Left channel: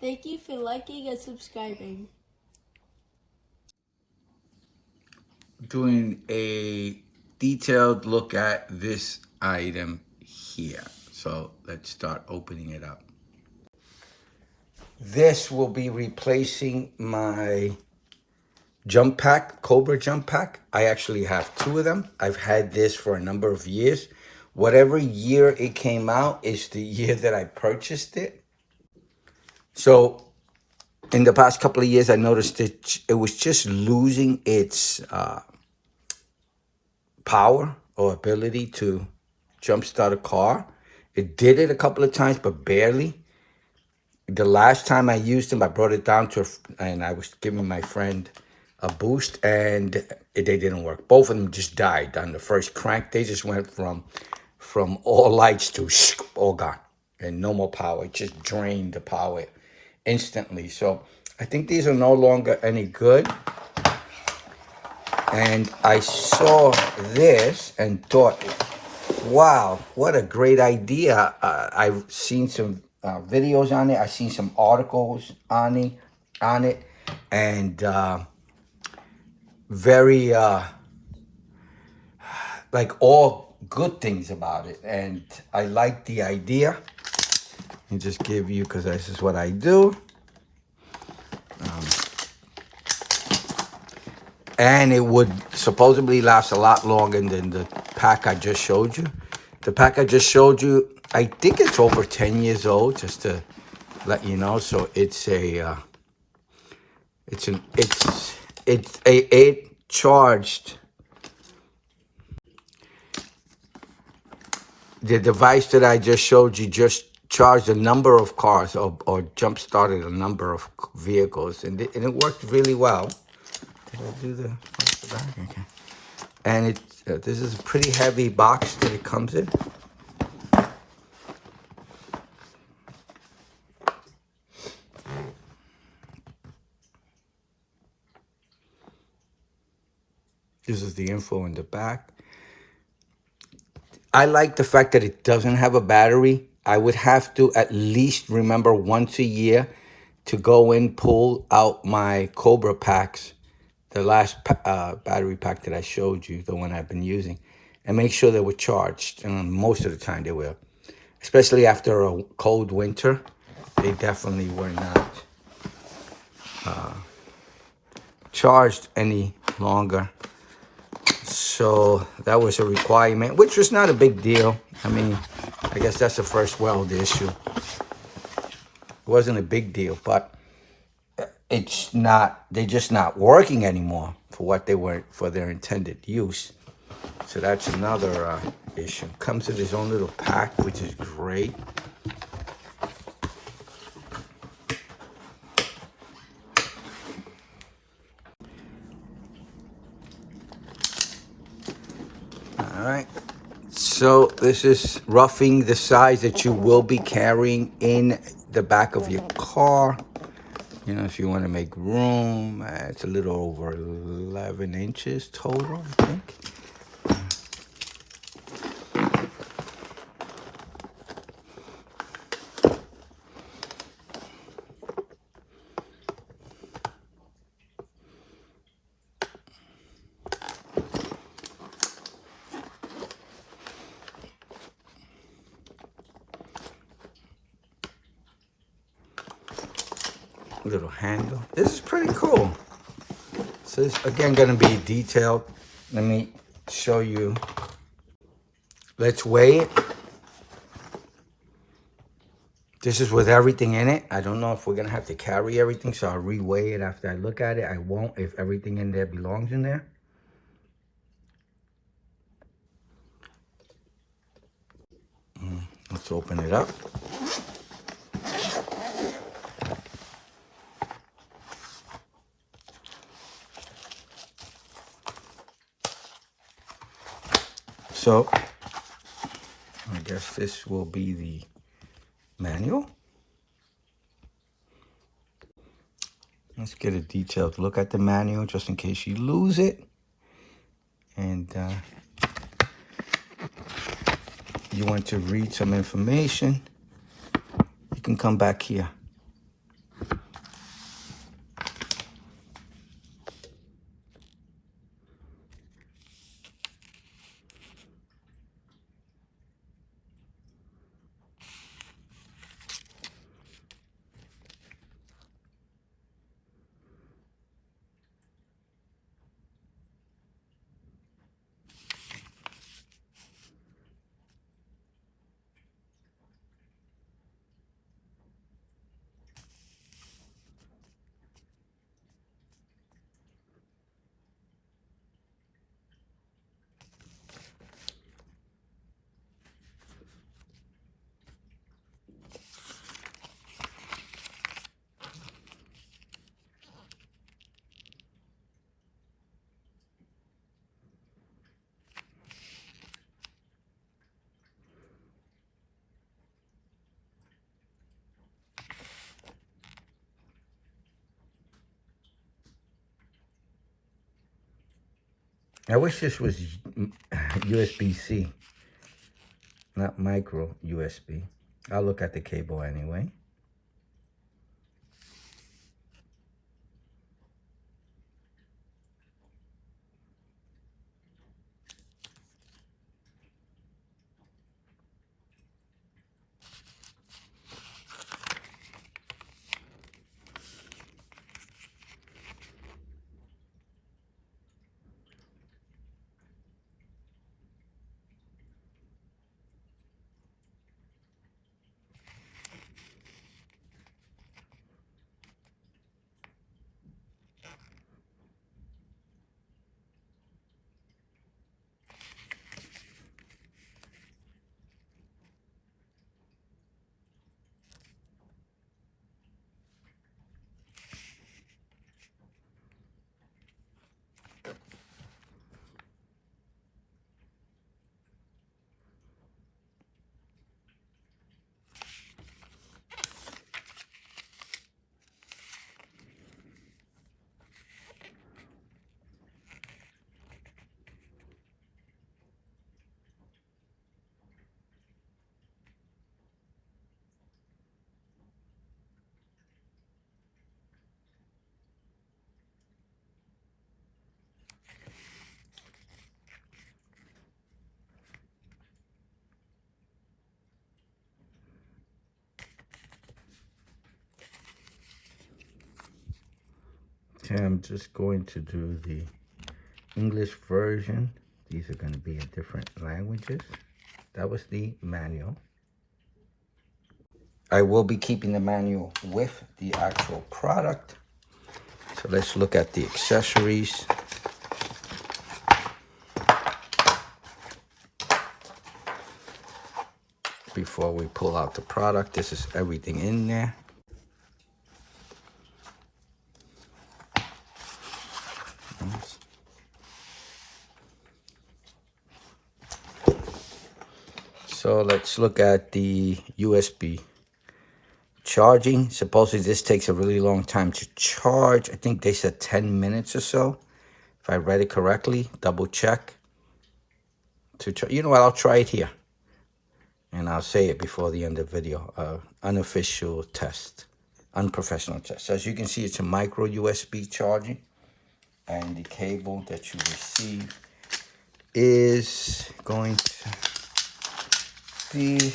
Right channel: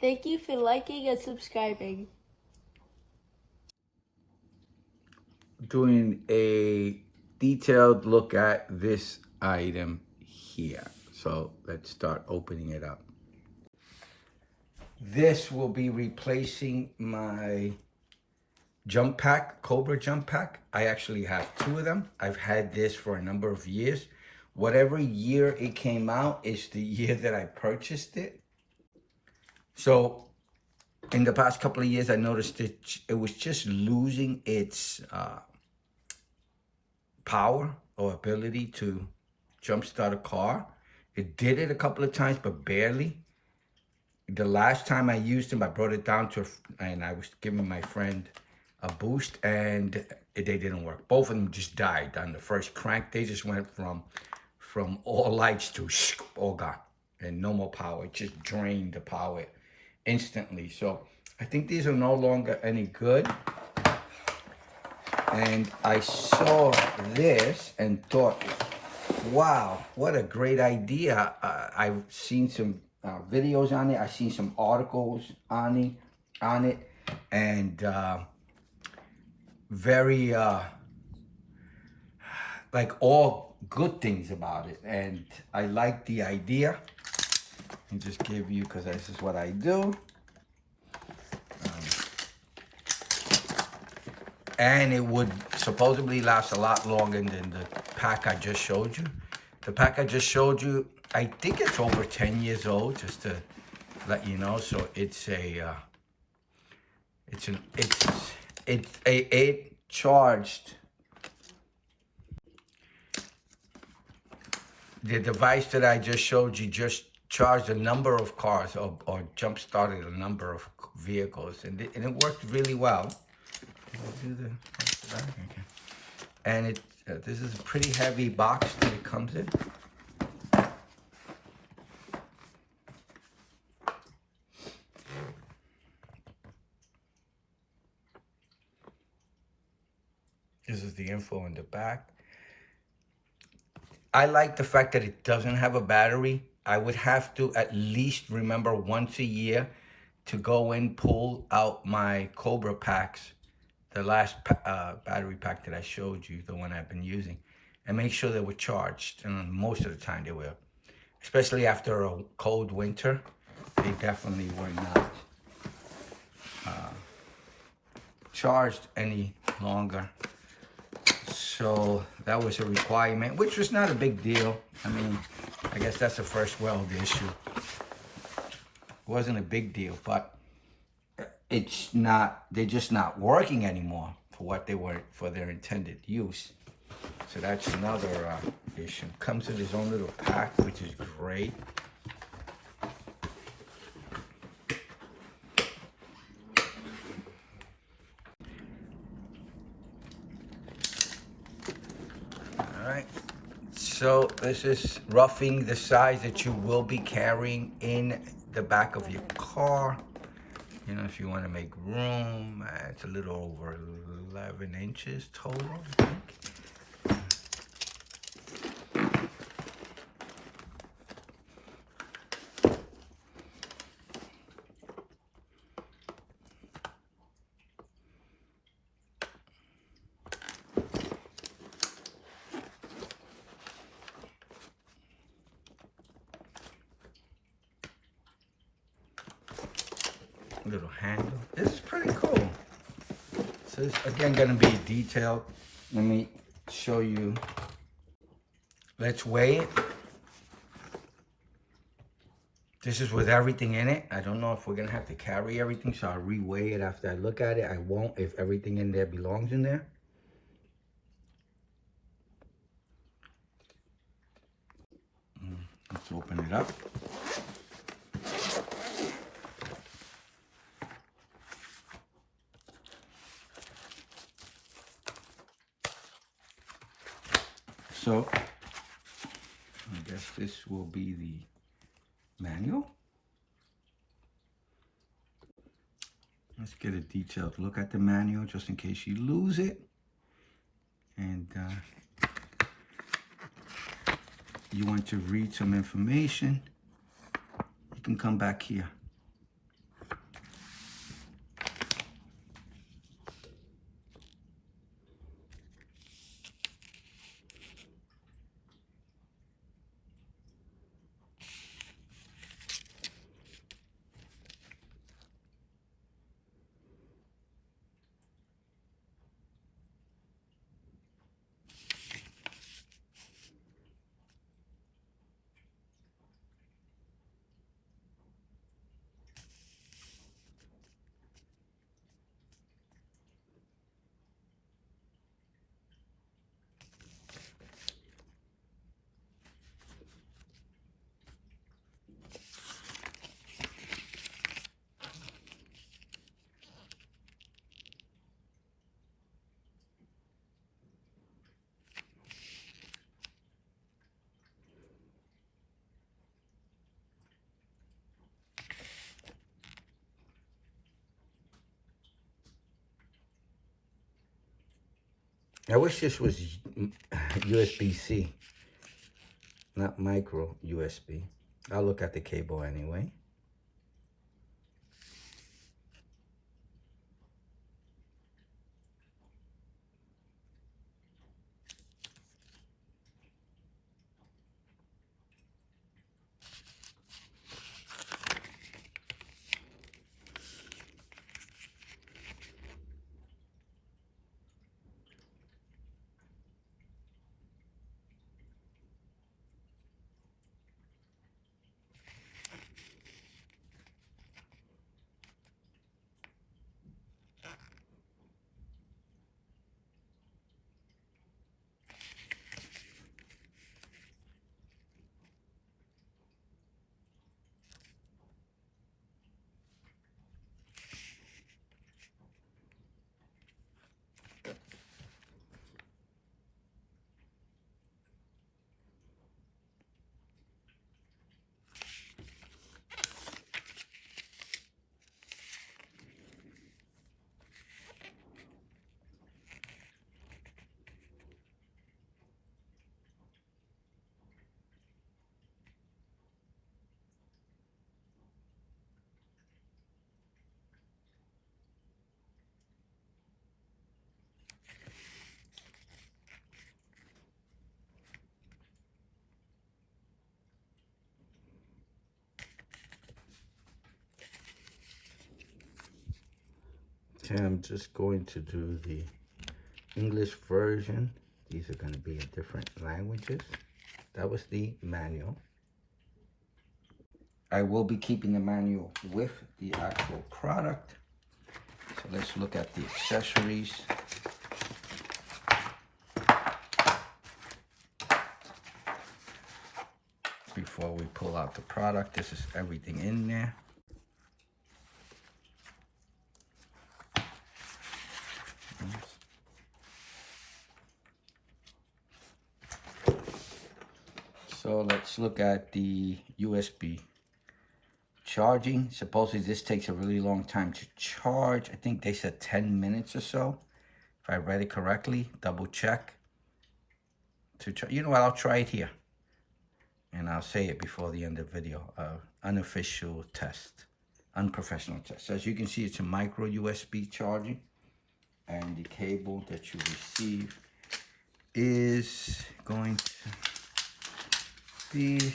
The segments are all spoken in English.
Thank you for liking and subscribing. Doing a detailed look at this item here. So let's start opening it up. This will be replacing my jump pack, Cobra jump pack. I actually have two of them. I've had this for a number of years. Whatever year it came out is the year that I purchased it. So in the past couple of years, I noticed it was just losing its power or ability to jumpstart a car. It did it a couple of times, but barely. The last time I used them, I brought it down to, and I was giving my friend a boost, and they didn't work. Both of them just died on the first crank. They just went from all lights to all gone, and no more power. It just drained the power instantly. So I think these are no longer any good. And I saw this and thought, wow, what a great idea. I've seen some videos on it. I've seen some articles on it, and very like all good things about it. And I like the idea. And just give you, because this is what I do. And it would supposedly last a lot longer than the pack I just showed you. The pack I just showed you, I think it's over 10 years old, just to let you know. So it's it charged. The device that I just showed you just charged a number of cars or jump started a number of vehicles, and it worked really well. I'll do the back. Okay. And this is a pretty heavy box that it comes in. This is the info in the back. I like the fact that it doesn't have a battery. I would have to at least remember once a year to go in, pull out my Cobra packs, the last battery pack that I showed you, the one I've been using, and make sure they were charged. And most of the time they will. Especially after a cold winter, they definitely were not charged any longer. So that was a requirement, which was not a big deal. I mean, I guess that's the first world issue. It wasn't a big deal, but it's not, they're just not working anymore for what they were, for their intended use. So that's another issue. Comes with his own little pack, which is great. All right. So this is roughing the size that you will be carrying in the back of your car. You know, if you want to make room, it's a little over 11 inches total, I think. Little handle. This is pretty cool. So it's again going to be detailed. Let me show you. Let's weigh it. This is with everything in it. I don't know if we're going to have to carry everything, so I'll re-weigh it after I look at it. I won't if everything in there belongs in there. Let's open it up. So, I guess this will be the manual. Let's get a detailed look at the manual just in case you lose it. And you want to read some information, you can come back here. I wish this was USB-C, not micro USB. I'll look at the cable anyway. Okay, I'm just going to do the English version. These are going to be in different languages. That was the manual. I will be keeping the manual with the actual product. So let's look at the accessories. Before we pull out the product, this is everything in there. So let's look at the USB charging. Supposedly this takes a really long time to charge. I think they said 10 minutes or so. If I read it correctly, double check. You know what, I'll try it here. And I'll say it before the end of the video. Unofficial test, unprofessional test. So as you can see, it's a micro USB charging. And the cable that you receive is going to be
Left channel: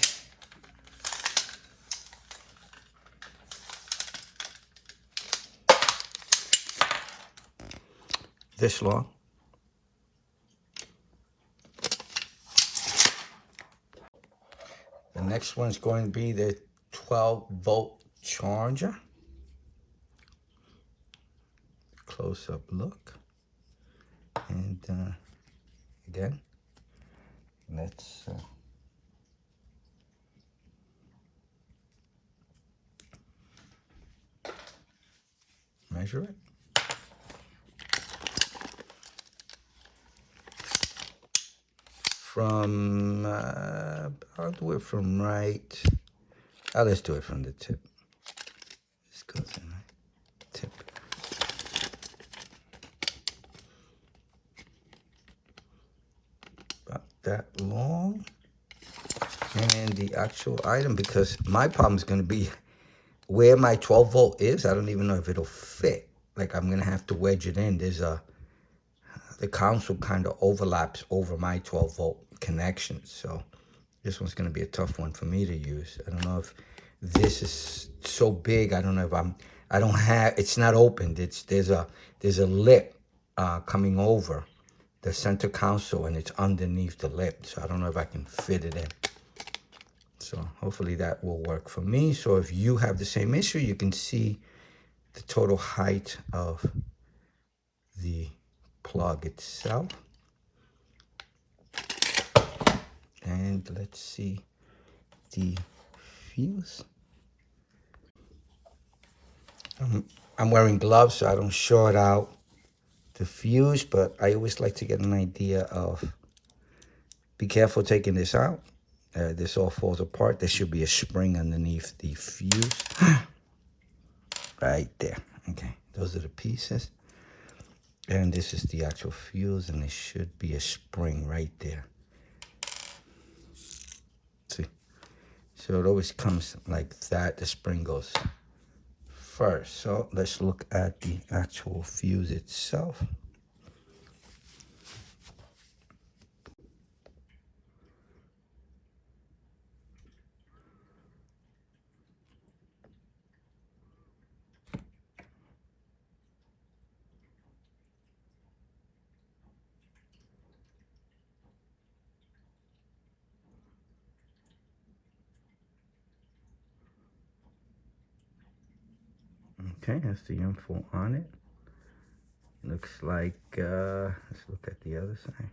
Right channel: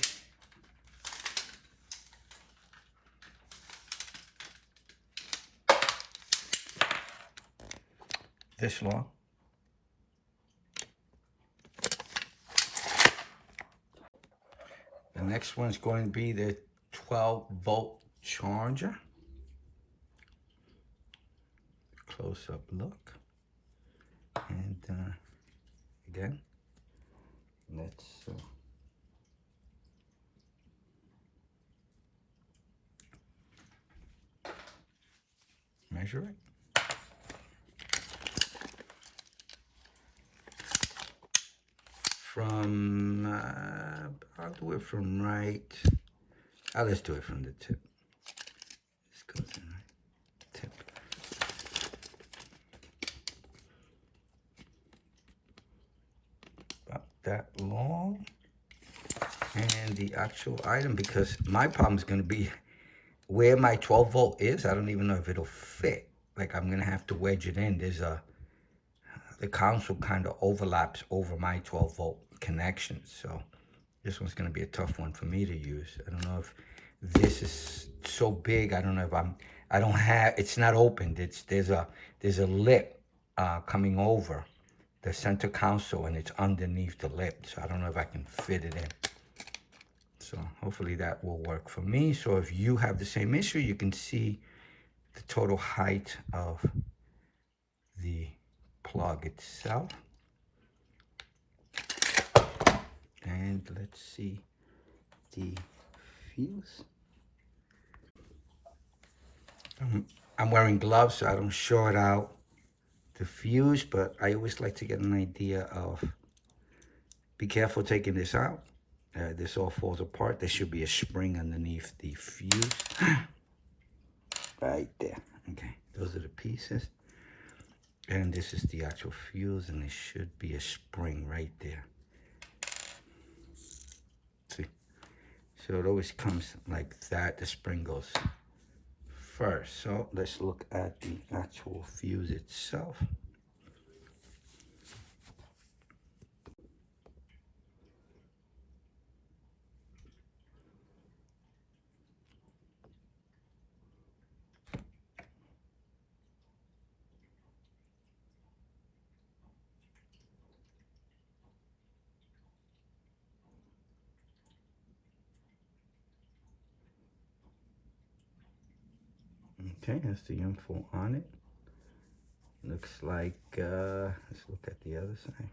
this long. The next one's going to be the 12-volt charger. Close-up look. And again, let's measure it. From, I'll do it from right. Let's do it from the tip. This goes in the tip. About that long. And the actual item, because my problem is going to be where my 12 volt is. I don't even know if it'll fit. Like I'm going to have to wedge it in. The console kind of overlaps over my 12 volt connection. So this one's going to be a tough one for me to use. I don't know if this is so big. I don't know if it's not opened. There's a lip coming over the center console and it's underneath the lip. So I don't know if I can fit it in. So hopefully that will work for me. So if you have the same issue, you can see the total height of the plug itself. And let's see the fuse. I'm wearing gloves so I don't short out the fuse, but I always like to get an idea of, be careful taking this out. This all falls apart. There should be a spring underneath the fuse. Right there. Okay, those are the pieces. And this is the actual fuse, and there should be a spring right there. See? So it always comes like that. The spring goes first. So let's look at the actual fuse itself. Okay, that's the info on it. Looks like, let's look at the other side.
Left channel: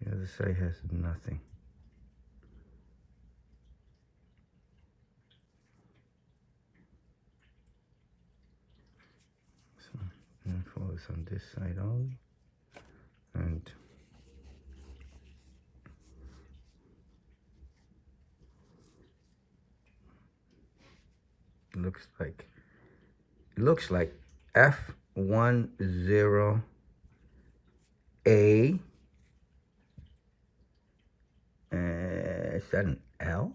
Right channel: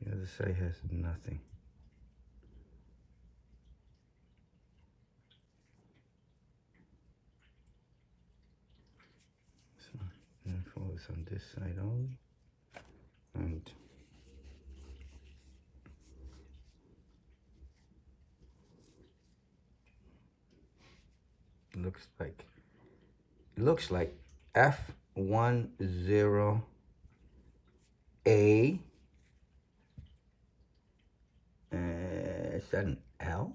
The other side has nothing. So, info is on this side only. And looks like F10A. Is that an L?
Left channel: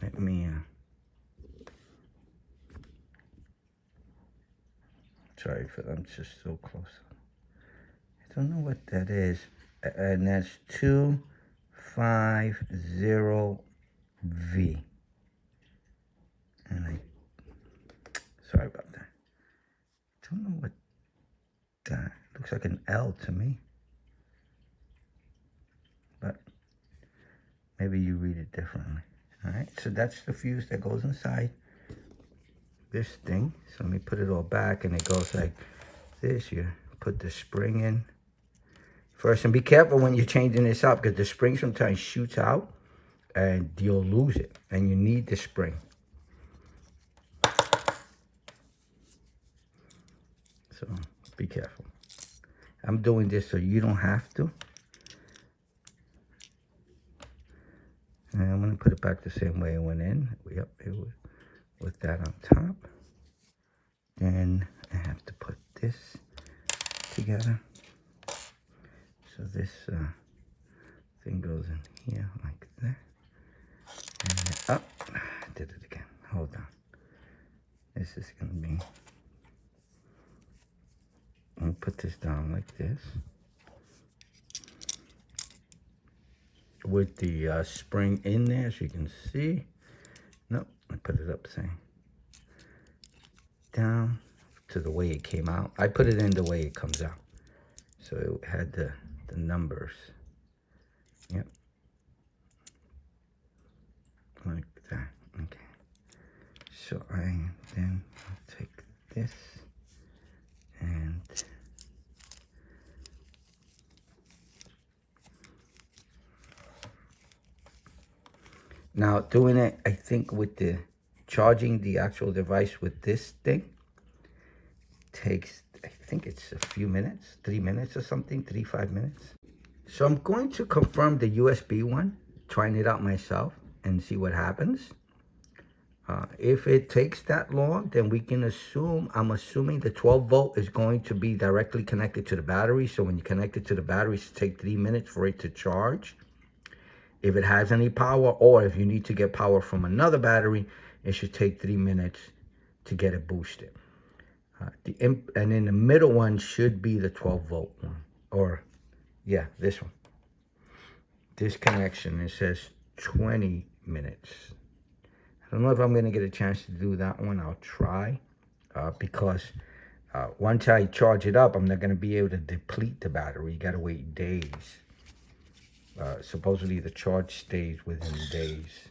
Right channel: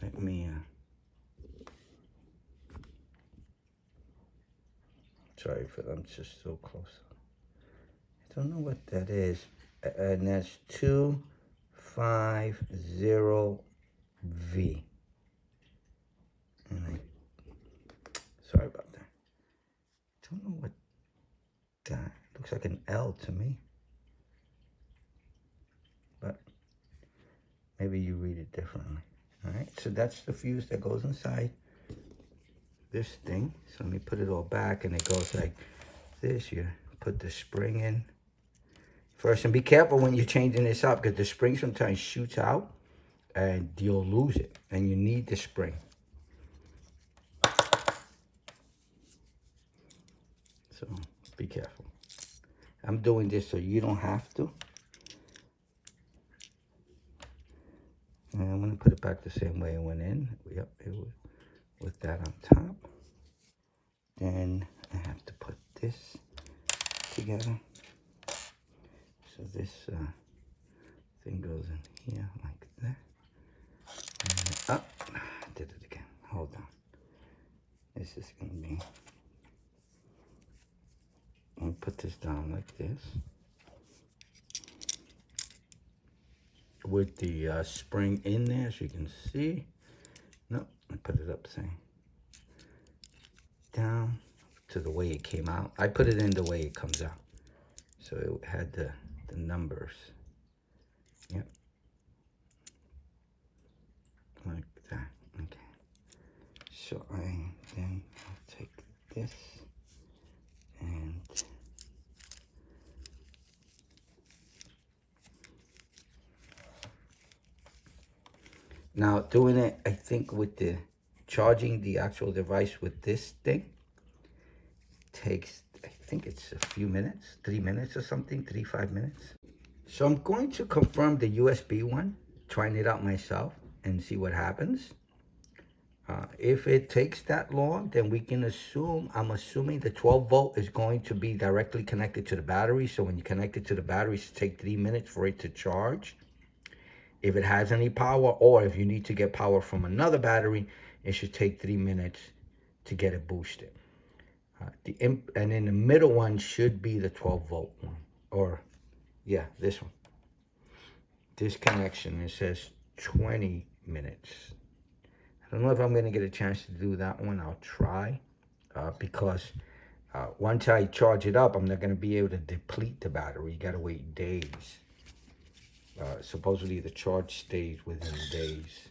Let me sorry for I'm just so close. I don't know what that is. And that's 250V. And sorry about that. I don't know what that looks like. An L to me, but maybe you read it differently. All right, so that's the fuse that goes inside this thing. So let me put it all back, and it goes like this. You put the spring in first, and be careful when you're changing this up, because the spring sometimes shoots out and you'll lose it, and you need the spring. So be careful. I'm doing this so you don't have to. And I'm going to put it back the same way it went in. Yep, it was with that on top. Then I have to put this together. So this thing goes in here like that. And oh, I did it again. Hold on. This is going to be... I'm going to put this down like this. With the spring in there, as you can see. Nope, I put it up same. Down to the way it came out. I put it in the way it comes out. So it had the numbers. Yep. Like that. Okay. So I'll take this and now doing it, I think with the charging the actual device with this thing takes, I think it's a few minutes, 3 minutes or something, 5 minutes. So I'm going to confirm the USB one, trying it out myself and see what happens. If it takes that long, then we can assume, I'm assuming the 12 volt is going to be directly connected to the battery. So when you connect it to the battery, it should take 3 minutes for it to charge. If it has any power, or if you need to get power from another battery, it should take 3 minutes to get it boosted. And in the middle one should be the 12 volt one, or yeah, this one. This connection, it says 20 minutes. I don't know if I'm going to get a chance to do that one. I'll try, because once I charge it up, I'm not going to be able to deplete the battery. You got to wait days. Supposedly the charge stays within days.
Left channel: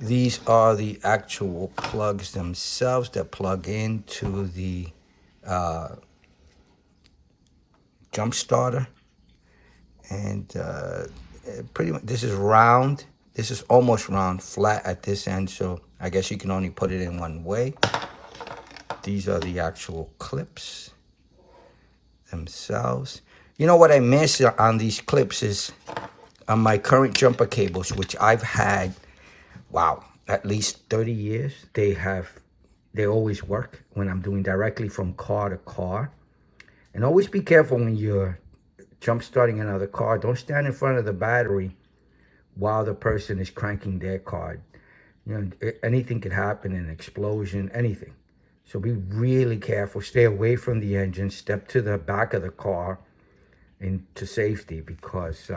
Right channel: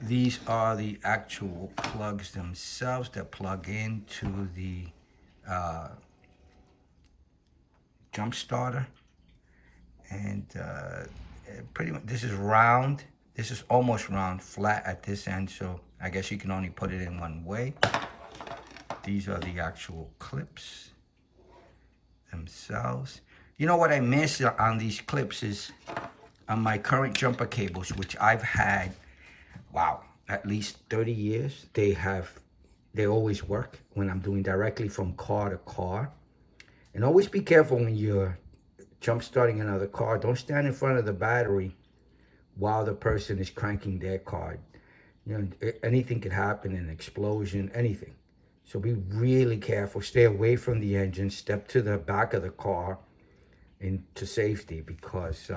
These are the actual plugs themselves that plug into the jump starter. And pretty much this is round. This is almost round, flat at this end. So I guess you can only put it in one way. These are the actual clips themselves. You know what I miss on these clips is on my current jumper cables, which I've had, wow, at least 30 years, they always work when I'm doing directly from car to car. And always be careful when you're jump starting another car. Don't stand in front of the battery while the person is cranking their car. You know, anything could happen, an explosion, anything. So be really careful. Stay away from the engine. Step to the back of the car into safety, because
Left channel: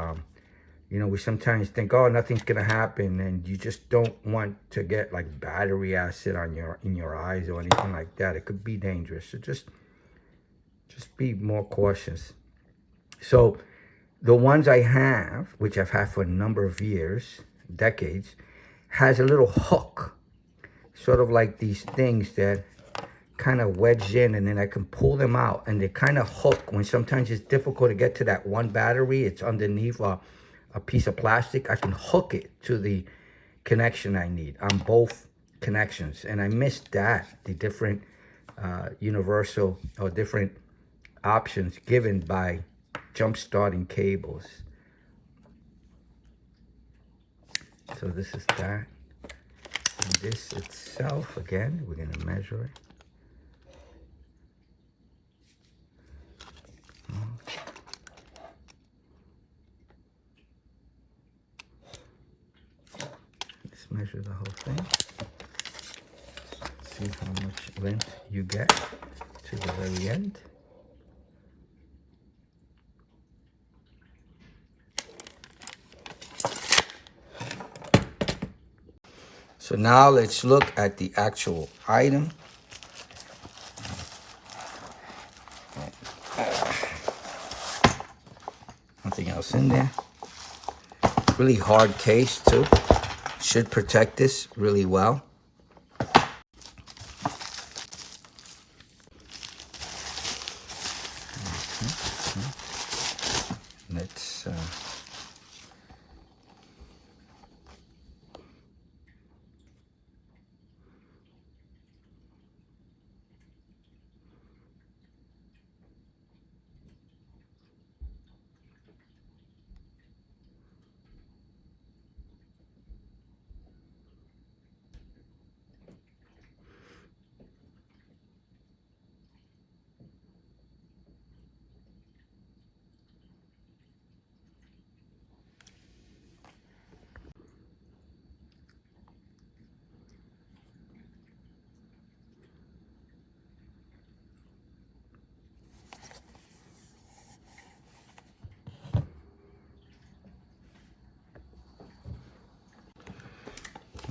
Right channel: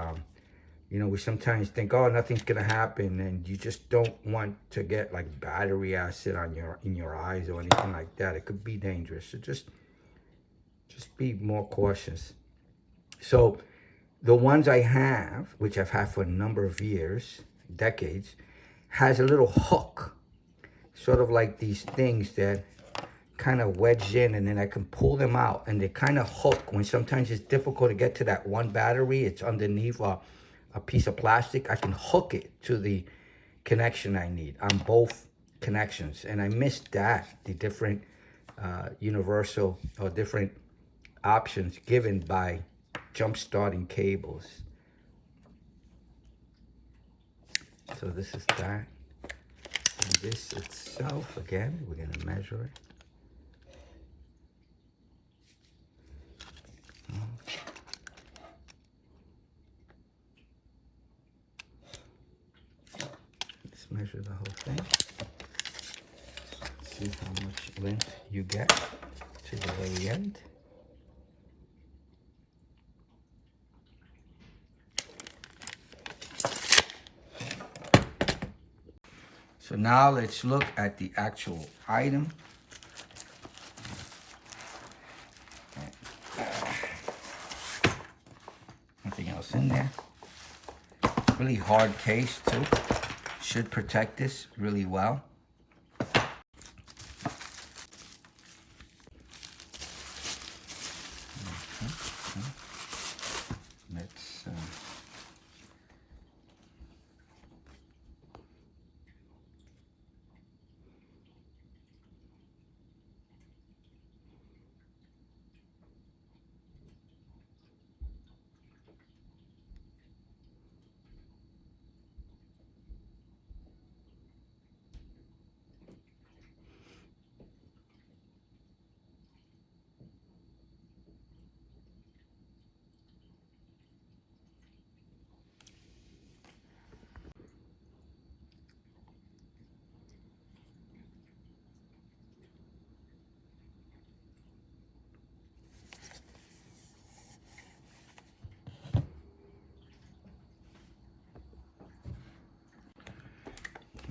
you know, we sometimes think, oh, nothing's gonna happen, and you just don't want to get like battery acid on in your eyes or anything like that. It could be dangerous. So just be more cautious. So the ones I have, which I've had for a number of years, decades, has a little hook, sort of like these things that kind of wedge in, and then I can pull them out, and they kind of hook when sometimes it's difficult to get to that one battery. It's underneath a piece of plastic. I can hook it to the connection I need on both connections, and I missed that, the different universal or different options given by jump starting cables. So this is that. And this itself, again, we're going to measure it. Let's measure the whole thing. See how much length you get to the very end. So now let's look at the actual item. Nothing else in there. Really hard case too. Should protect this really well.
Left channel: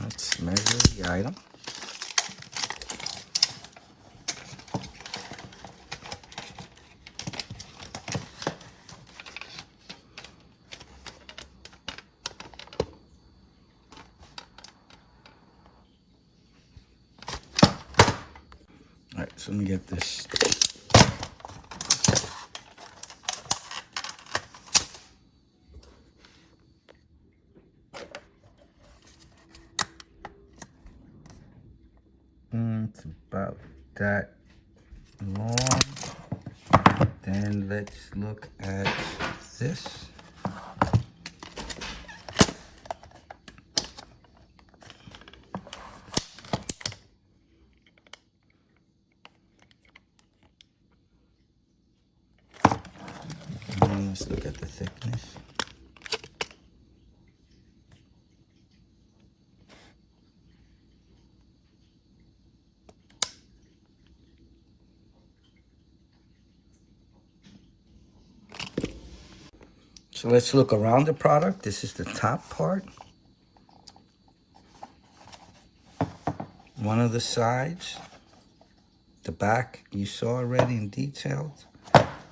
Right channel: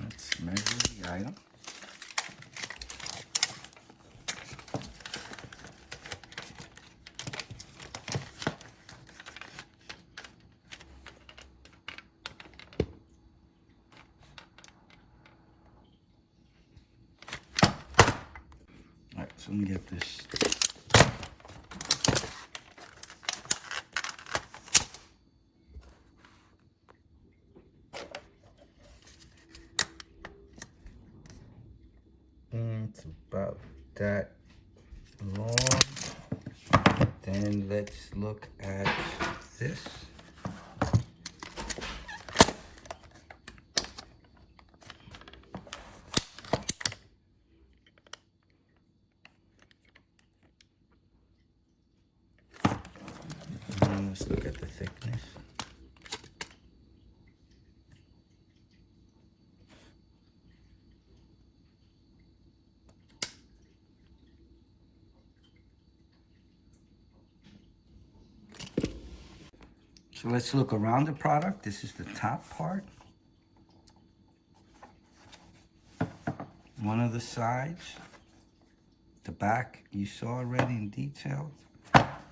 Let's measure the item. All right, so let me get this. It's about that long. Then let's look at this. And let's look at the thickness. So let's look around the product. This is the top part. One of the sides. The back you saw already in detail.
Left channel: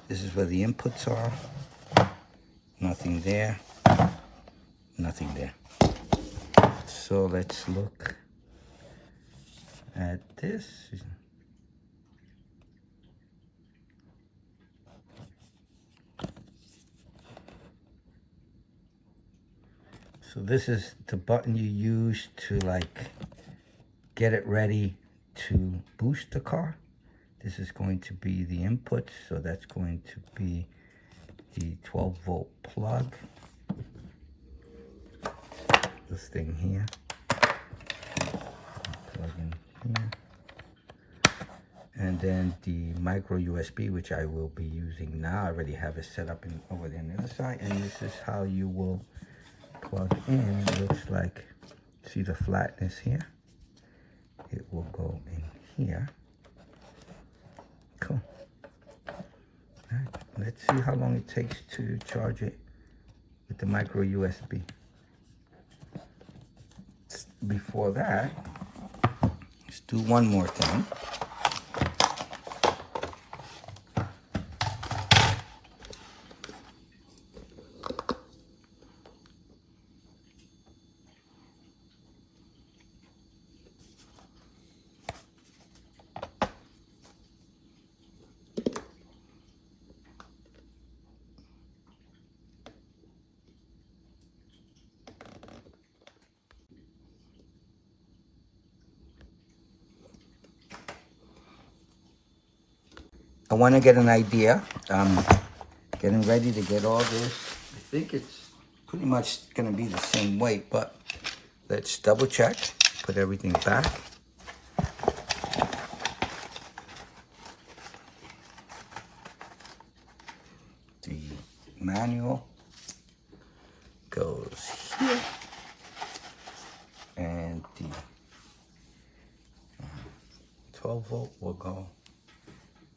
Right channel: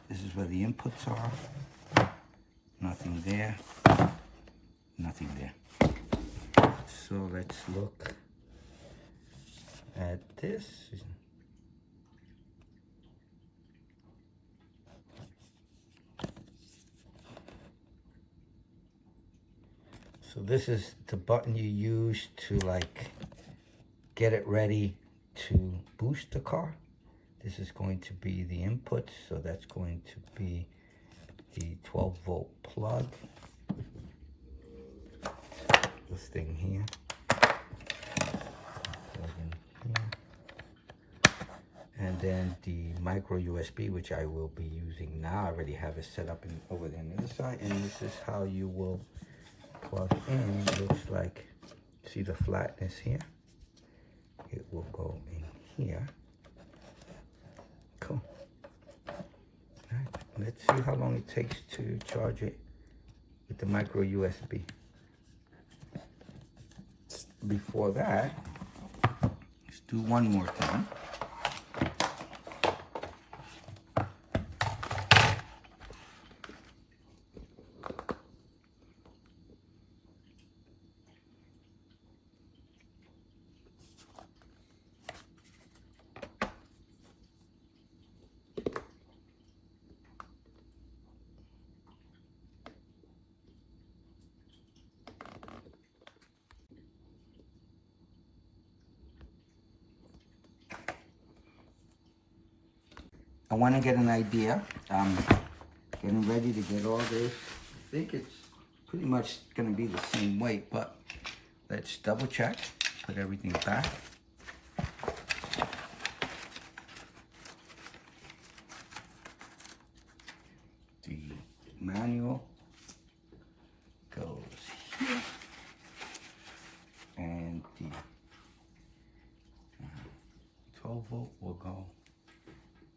This is where the inputs are. Nothing there. Nothing there. So let's look at this. So this is the button you use to like get it ready to boost the car. This is going to be the input, so that's going to be the 12-volt plug. thing here. Plug in here. And then the micro USB, which I will be using now. I already have it set up over there on the other side. And this is how you will plug in. It looks like, see the flatness here? It will go in here. Cool. All right, let's see how long it takes to charge it with the micro USB. Before that, let's do one more thing. I want to get an idea. Getting ready to get all this. I think it's pretty much going to be the same weight, but let's double check. Put everything back. The manual goes here. And the 12 volt will go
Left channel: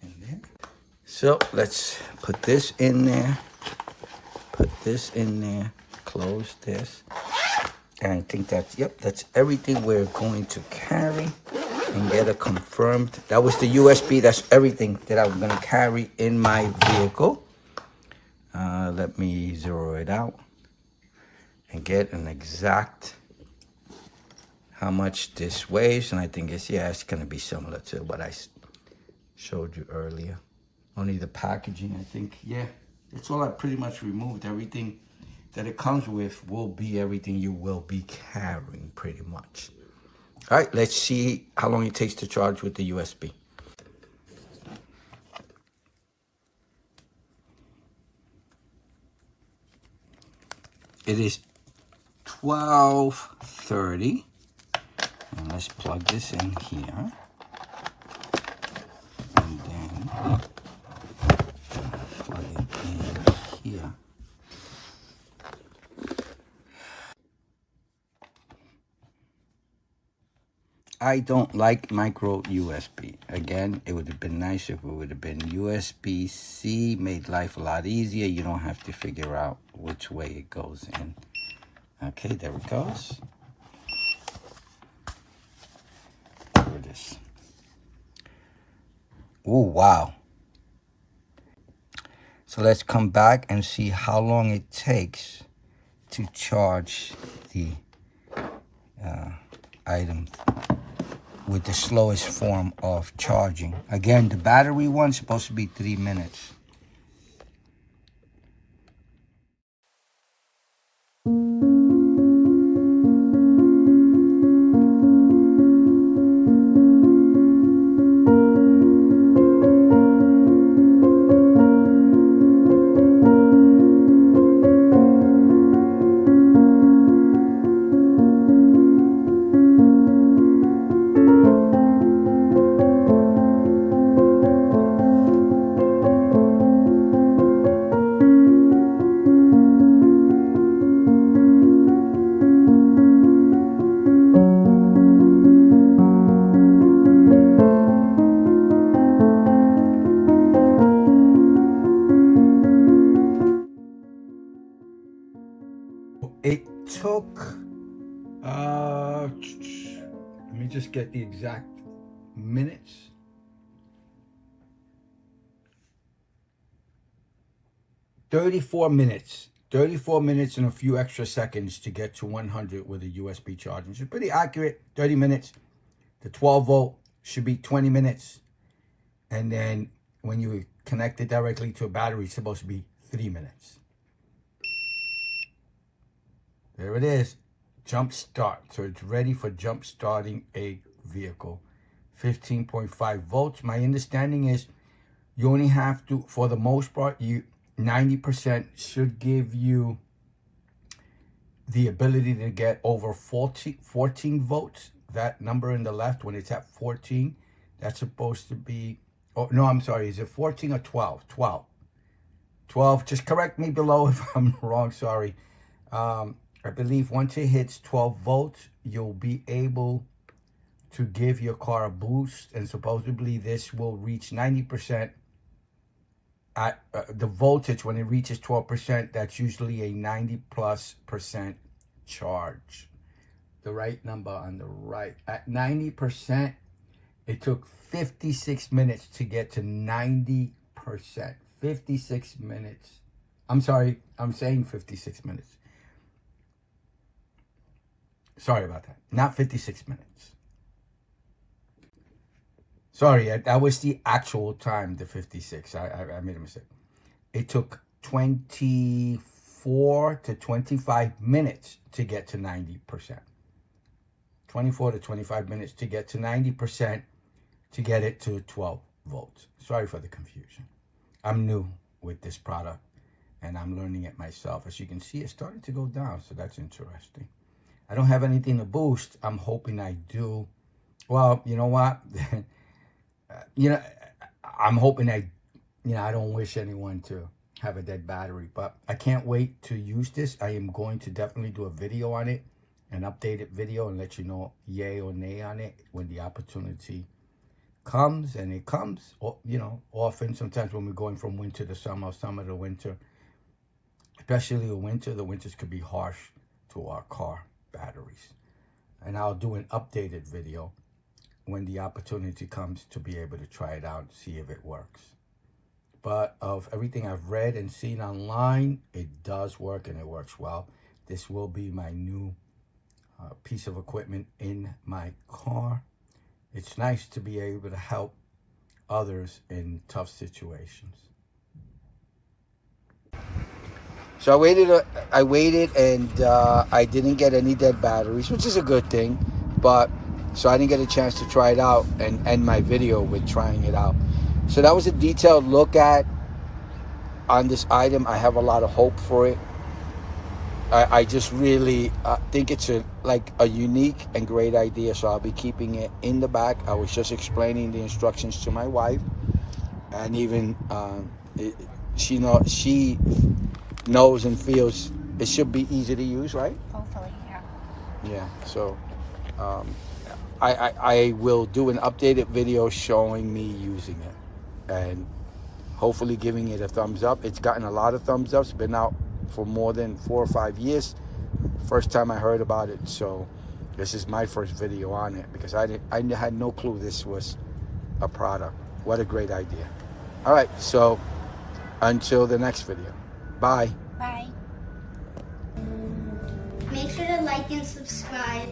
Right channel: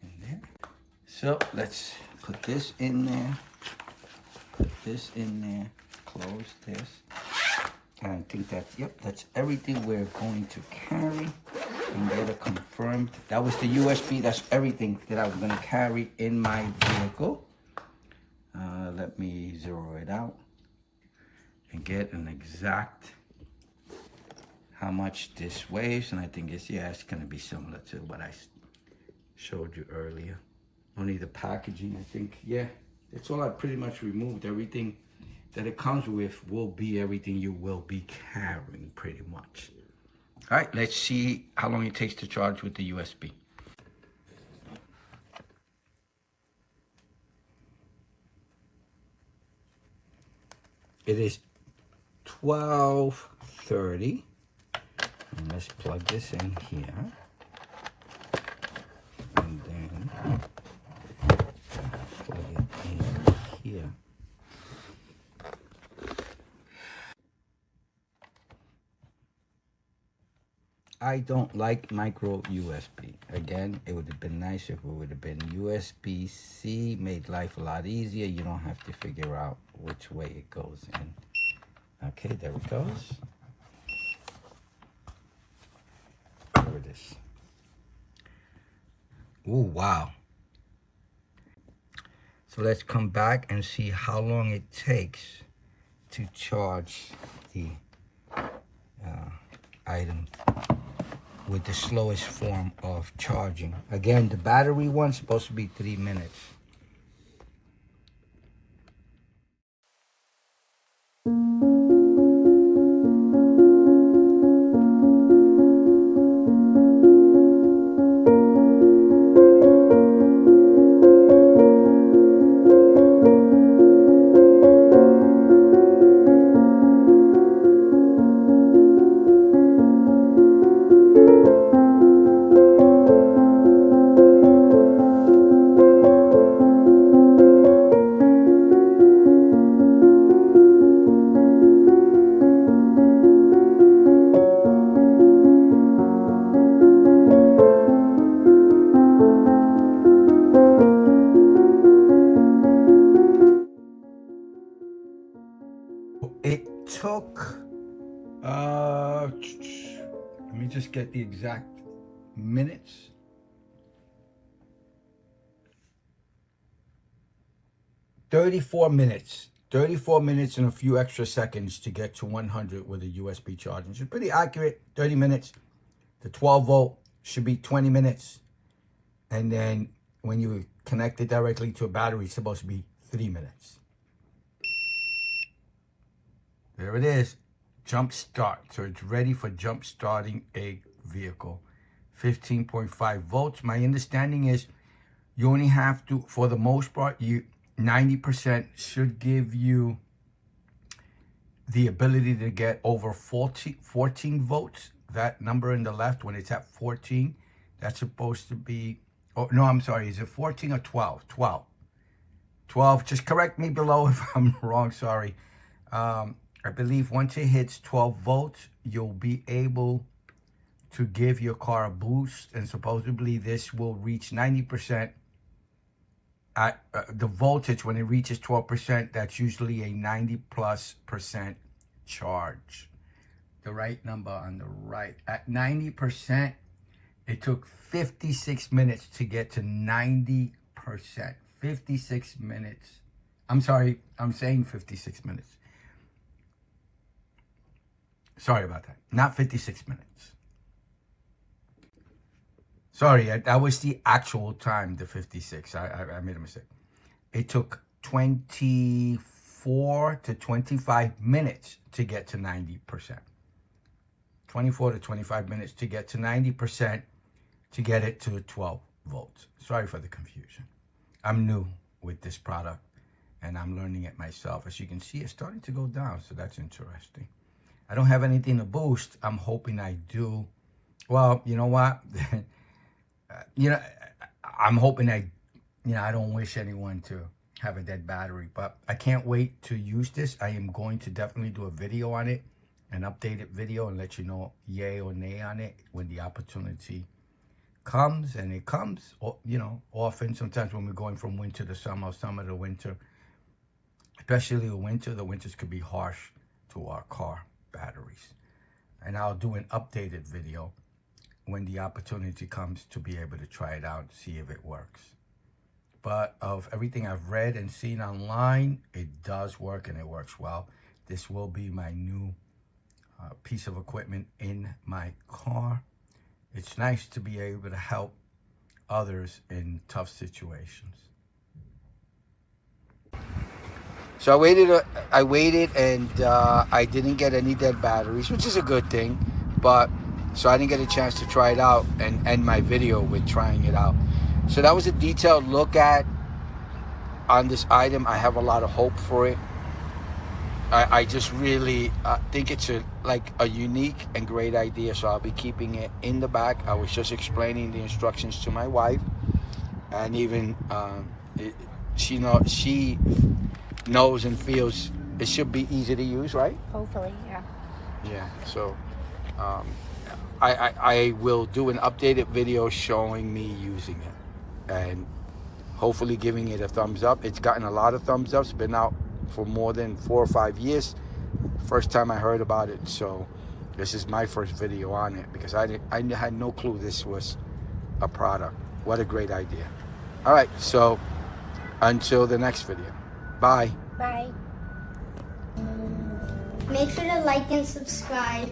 in there. So let's put this in there, put this in there, close this. And I think that's, yep, that's everything we're going to carry and get it confirmed. That was the USB, that's everything that I'm gonna carry in my vehicle. Let me zero it out and get an exact how much this weighs. And I think it's, yeah, it's gonna be similar to what I showed you earlier. Only the packaging, I think, yeah, that's all I pretty much removed. Everything that it comes with will be everything you will be carrying pretty much. All right, let's see how long it takes to charge with the USB. It is 12:30. And let's plug this in here. And then plug it in here. I don't like micro USB. Again, it would have been nice if it would have been USB-C, made life a lot easier. You don't have to figure out which way it goes in. Okay, there it goes. There it is. Oh, wow. So let's come back and see how long it takes to charge the item with the slowest form of charging. Again, the battery one's supposed to be 3 minutes. It took, let me just get the exact minutes. $34 minutes. 34 minutes and a few extra seconds to get to 100 with a USB charging. It's pretty accurate, 30 minutes. The 12 volt should be 20 minutes. And then when you connect it directly to a battery, it's supposed to be 3 minutes. There it is, jump start. So it's ready for jump starting a vehicle. 15.5 volts. My understanding is you only have to, for the most part, 90% should give you the ability to get over 14 volts. That number in the left, when it's at 14, that's supposed to be, oh no, I'm sorry, is it 14 or 12? 12. Just correct me below if I'm wrong, sorry. I believe once it hits 12 volts, you'll be able to give your car a boost, and supposedly this will reach 90%. At the voltage, when it reaches 12%, that's usually a 90+% charge. The right number on the right. At 90%, it took 56 minutes to get to 90%. 56 minutes. I'm sorry, I'm saying 56 minutes. Sorry about that. Not 56 minutes. Sorry, that was the actual time, the 56. I made a mistake. It took 24 to 25 minutes to get to 90%. 24 to 25 minutes to get to 90% to get it to 12 volts. Sorry for the confusion. I'm new with this product and I'm learning it myself. As you can see, it's starting to go down, so that's interesting. I don't have anything to boost. I'm hoping I do. Well, you know what? I'm hoping I don't wish anyone to have a dead battery, but I can't wait to use this. I am going to definitely do a video on it, an updated video, and let you know yay or nay on it when the opportunity comes. And it comes, often. Sometimes when we're going from winter to summer, or summer to winter, especially the winters could be harsh to our car batteries. And I'll do an updated video when the opportunity comes to be able to try it out, see if it works. But of everything I've read and seen online, it does work, and it works well. This will be my new piece of equipment in my car. It's nice to be able to help others in tough situations. So I waited and I didn't get any dead batteries, which is a good thing. So I didn't get a chance to try it out and end my video with trying it out. So that was a detailed look on this item. I have a lot of hope for it. I just really think it's a unique and great idea. So I'll be keeping it in the back. I was just explaining the instructions to my wife, and even she knows and feels it should be easy to use, right? Hopefully, yeah. Yeah. So I will do an updated video showing me using it and hopefully giving it a thumbs up. It's gotten a lot of thumbs up. It's been out for more than 4 or 5 years. First time I heard about it, so this is my first video on it because I had no clue this was a product. What a great idea. All right, so until the next video. Bye. Bye. Make sure to like and subscribe.